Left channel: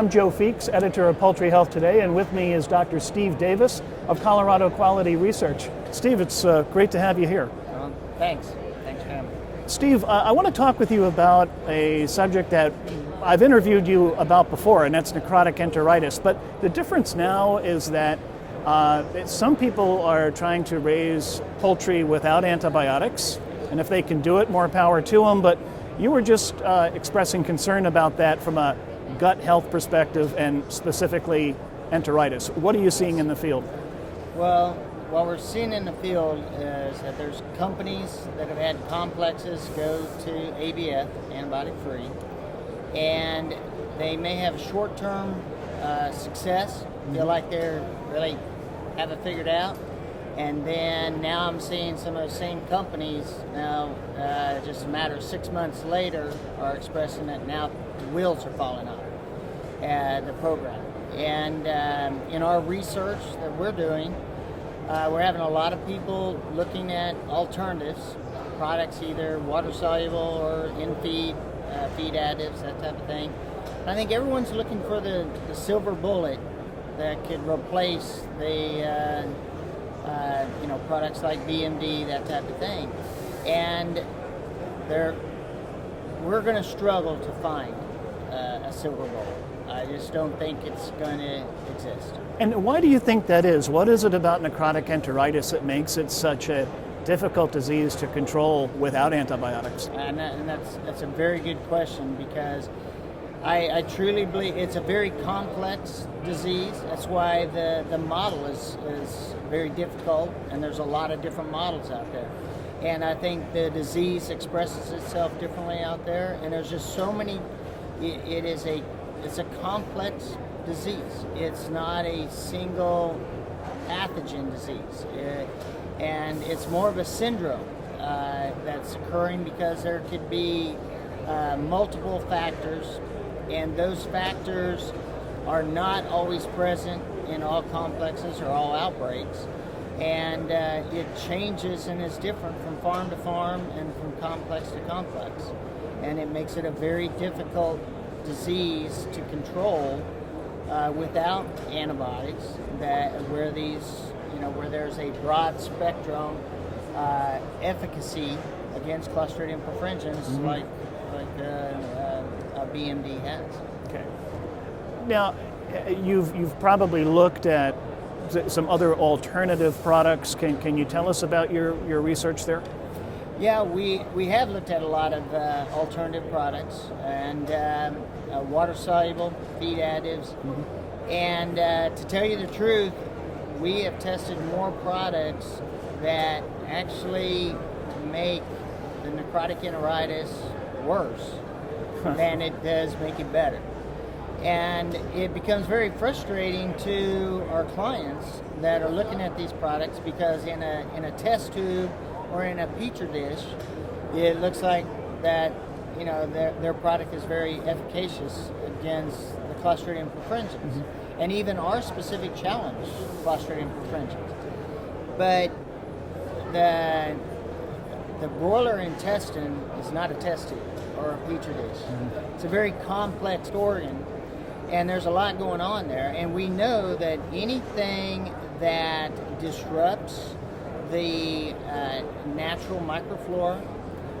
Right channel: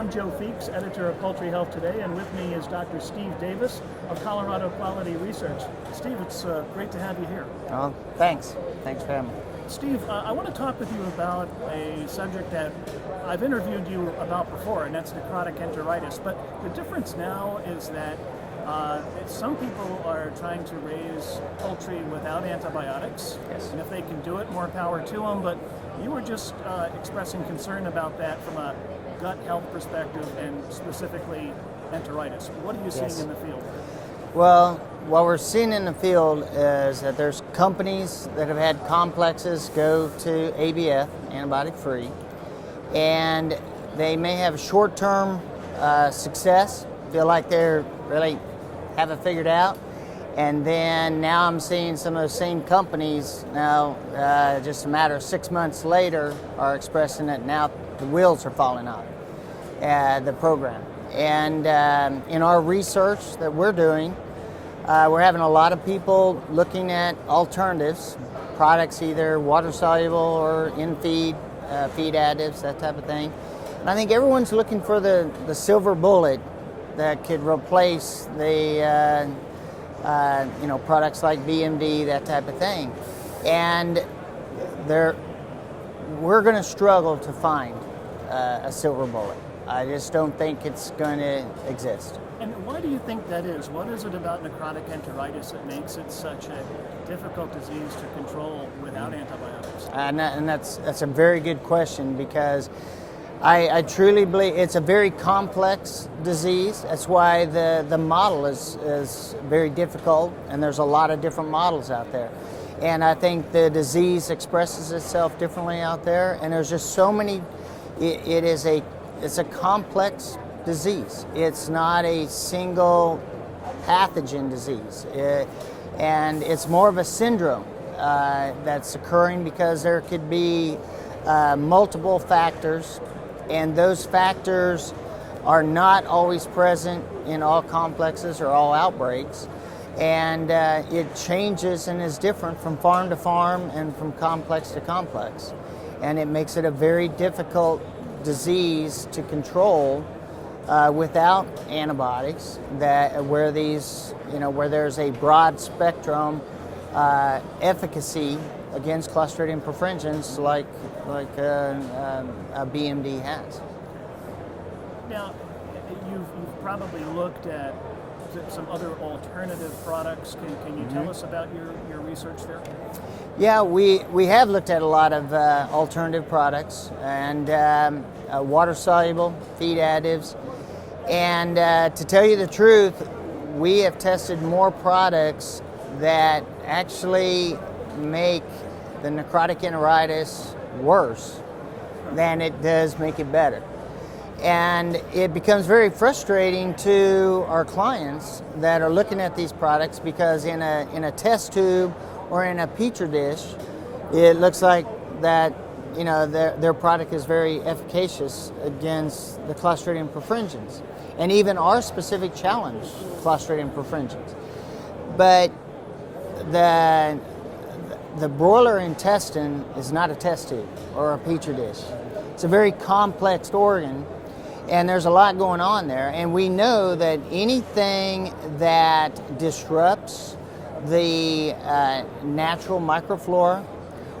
I'm Joe Feeks, editor of Poultry Health Today, and with me is Dr. Steve Davis of Colorado Quality Research. Steve, it's great to have you here. Thanks. Thanks for having me. Steve, I want to talk with you about a subject that I've interviewed you about before, and that's necrotic enteritis. But the difference now is that some people are trying to raise poultry without antibiotics, and if they can do it, more power to them. But you were just expressing concern about that from a gut health perspective and specifically enteritis. What are you seeing in the field? Well, what we're seeing in the field is that there's companies that have had complexes go to ABF, antibiotic-free, and they may have short-term success, feel like they're really have it figured out, and then now I'm seeing some of those same companies now, just a matter of 6 months later, are expressing that now the wheels are falling off the program. And in our research that we're doing, we're having a lot of people looking at alternatives, products either water-soluble or in-feed, feed additives, that type of thing. And I think everyone's looking for the silver bullet that could replace the products like BMD, that type of thing. And we're going to struggle to find a silver bullet. I just don't think it's going to exist. And why do you think that is? What is it about necrotic enteritis that makes it such a difficult disease to control without antibiotics? And that's a very good question, because I truly believe it's a very complex disease. That's why the model is very difficult, and there's a lot of different models out there. And I think the disease expresses itself differently out there, and there's just so many. It's a complex disease. It's not a single pathogen disease. And it's more of a syndrome that's occurring because there could be multiple factors, and those factors are not always present in all complexes or all outbreaks. And it changes and is different from farm to farm and from complex to complex. And it makes it a very difficult disease to control without antibiotics, where there's a broad spectrum efficacy against Clostridium perfringens, like a BMD has. Okay. Now, you've probably looked at some other alternative products. Can you tell us about your research there? Yeah, we have looked at a lot of alternative products and water-soluble feed additives. And to tell you the truth, we have tested more products that actually make the necrotic enteritis worse than it does make it better. And it becomes very frustrating to our clients that are looking at these products, because in a test tube or in a petri dish, it looks like that their product is very efficacious against the Clostridium perfringens, and even our specific challenge, Clostridium perfringens. But the broiler intestine is not a test tube or a petri dish. It's a very complex organ, and there's a lot going on there. And we know that anything that disrupts the natural microflora,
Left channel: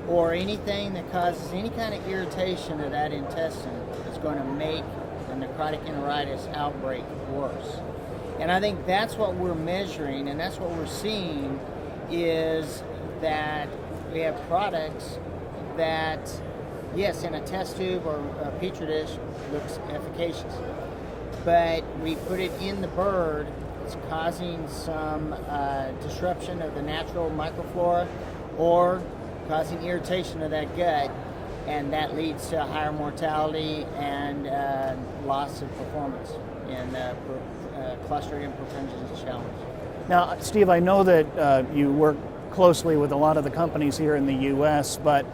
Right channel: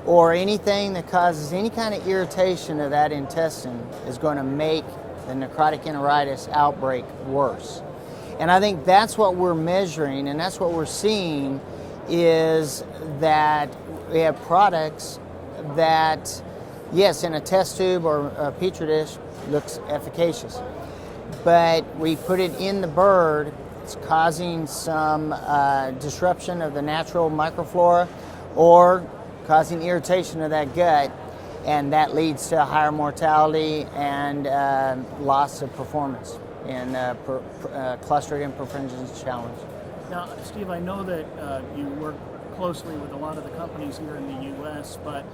or anything that causes any kind of irritation of that intestine, is going to make the necrotic enteritis outbreak worse. And I think that's what we're measuring, and that's what we're seeing, is that we have products that, yes, in a test tube or a petri dish, looks efficacious. But we put it in the bird, it's causing some disruption of the natural microflora, or causing irritation of that gut, and that leads to higher mortality and loss of performance in Clostridium perfringens challenge. Now, Steve, I know that you work closely with a lot of the companies here in the U.S., but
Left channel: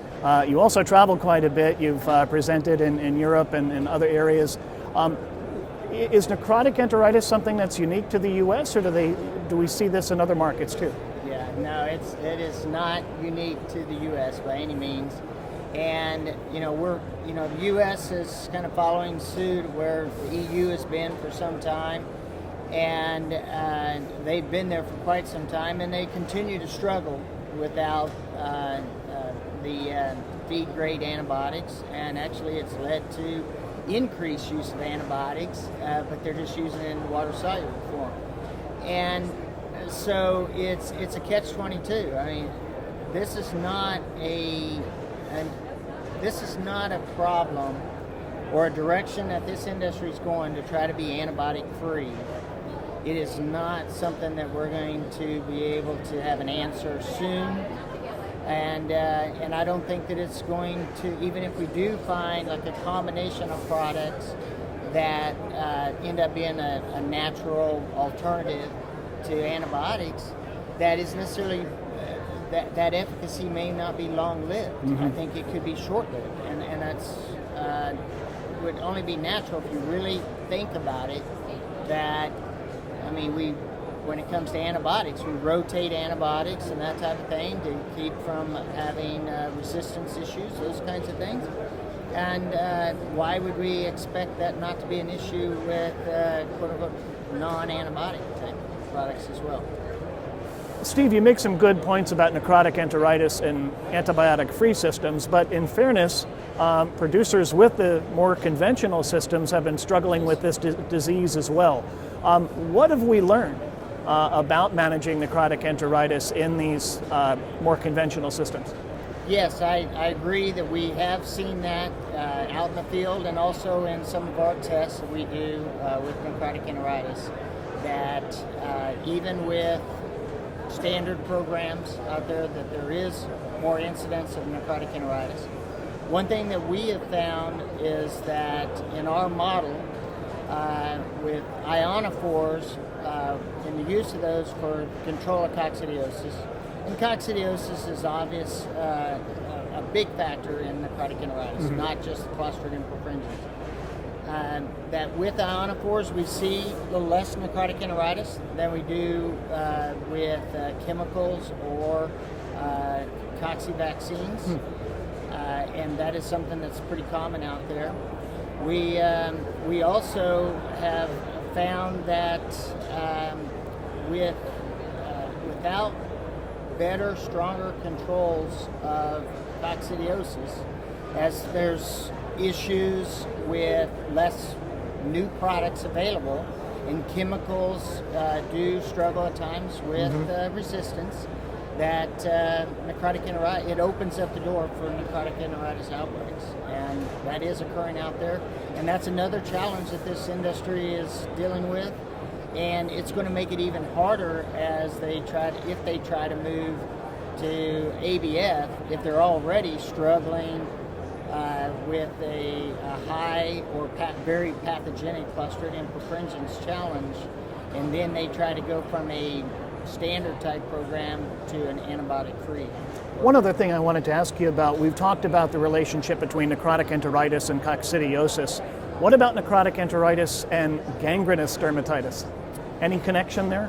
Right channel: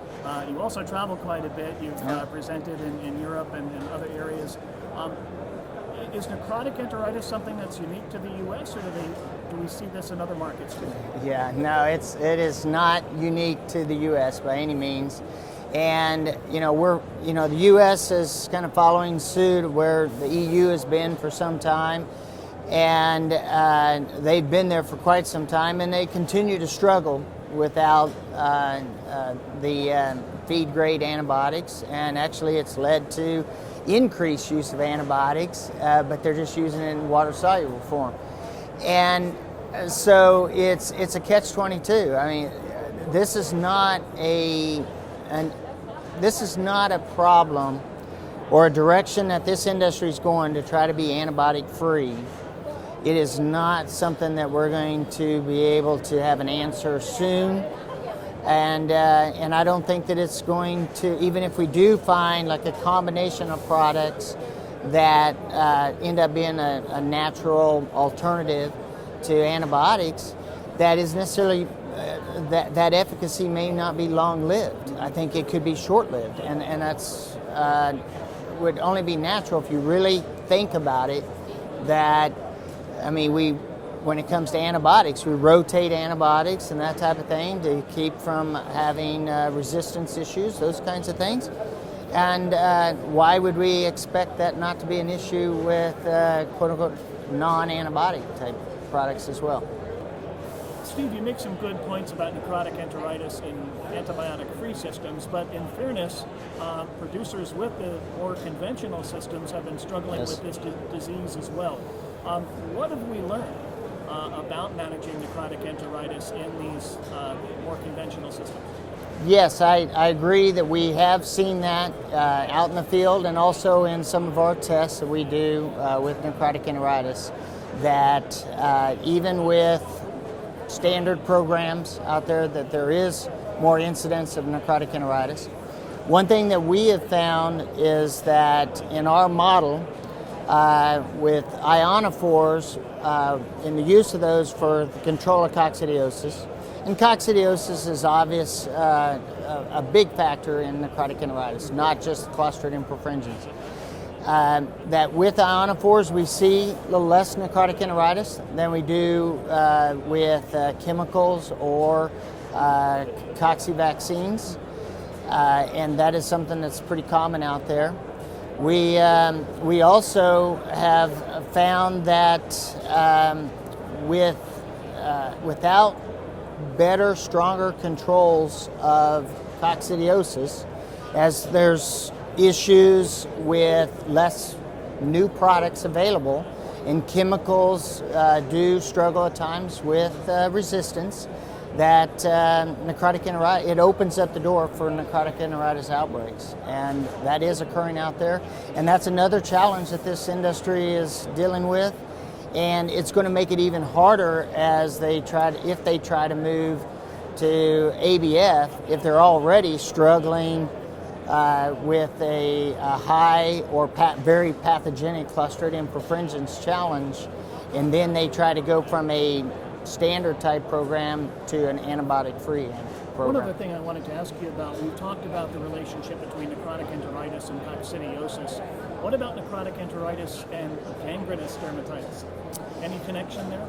you also travel quite a bit. You've presented in Europe and in other areas. Is necrotic enteritis something that's unique to the U.S., or do we see this in other markets too? Yeah, no, it is not unique to the U.S. by any means. And the U.S. is kind of following suit where the EU has been for some time, and they've been there for quite some time, and they continue to struggle without the feed-grade antibiotics, and actually it's led to increased use of antibiotics, but they're just using it in water-soluble form. And so it's a catch-22. I mean, this is not a problem or a direction that this industry is going to try to be antibiotic-free. It is not something that we're going to be able to have an answer soon. And I don't think that it's going to, even if we do find like a combination of products that end up being a natural alternative to antibiotics, that is necessarily, that efficacy may not be long-lived. Mm-hmm. I think it could be short-lived, and that's would only be natural if you really think about it. That, I mean, when it comes to antibiotics, we rotate antibiotics and that type of thing to keep from having resistance issues, those kinds of things. And why would we expect that not to be an issue with quote-unquote non-antibiotic type products as well? Steve, you make some good points about necrotic enteritis and antibiotic-free systems, but in fairness, producers with the more conventional systems have been struggling with this disease as well. What have we learned about managing necrotic enteritis in these more conventional systems? Yes, I agree that we have seen that out in the field and also in some of our tests that we do with necrotic enteritis, that even with standard programs out there, that there is more incidence of necrotic enteritis. One thing that we have found is that in our model with ionophores, in the use of those for the control of coccidiosis, and coccidiosis is obvious, a big factor in necrotic enteritis, mm-hmm. not just Clostridium perfringens. That with ionophores we see a little less necrotic enteritis than we do with chemicals or cocci vaccines, and that is something that's pretty common out there. We also have found that without better, stronger controls of coccidiosis, as there's issues with less new products available, and chemicals do struggle at times with resistance, that necrotic enteritis, it opens up the door for necrotic enteritis outbreaks, and that is occurring out there, and that's another challenge that this industry is dealing with, and it's going to make it even harder as if they try to move to ABF, if they're already struggling with a high or very pathogenic Clostridium perfringens challenge, and then they try to go from a standard type program to an antibiotic free program. One other thing I wanted to ask you about, we've talked about the relationship between necrotic enteritis and coccidiosis. What about necrotic enteritis and gangrenous dermatitis? Any connection there?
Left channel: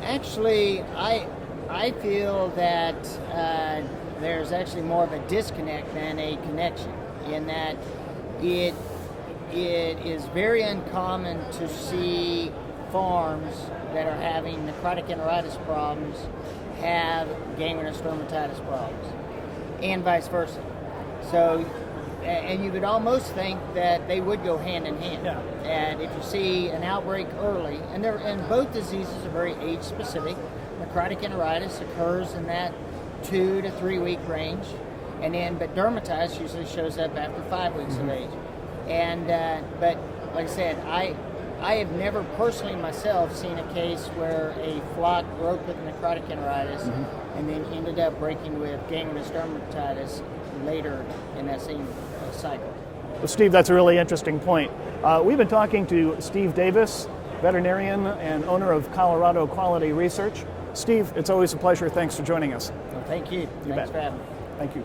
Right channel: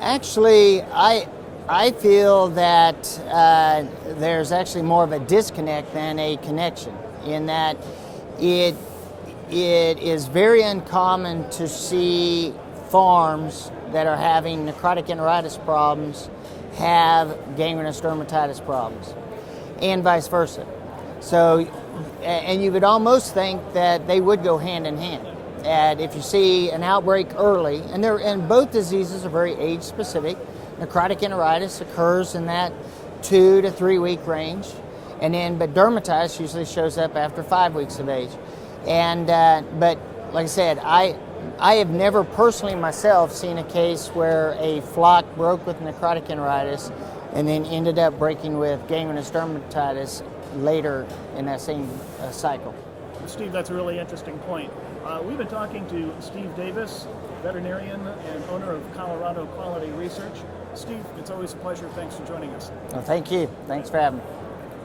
Actually, I feel that there's actually more of a disconnect than a connection, in that it is very uncommon to see farms that are having necrotic enteritis problems have gangrenous dermatitis problems, and vice versa. So, and you would almost think that they would go hand in hand. Yeah. And if you see an outbreak early, and both diseases are very age specific. Necrotic enteritis occurs in that 2 to 3 week range, but dermatitis usually shows up after 5 weeks of age. And but like I said, I have never personally myself seen a case where a flock broke with necrotic enteritis and then ended up breaking with gangrenous dermatitis later in that same cycle. Well, Steve, that's a really interesting point. We've been talking to Steve Davis, veterinarian and owner of Colorado Quality Research. Steve, it's always a pleasure. Thanks for joining us. Well, thank you. Thanks for having me. Thank you.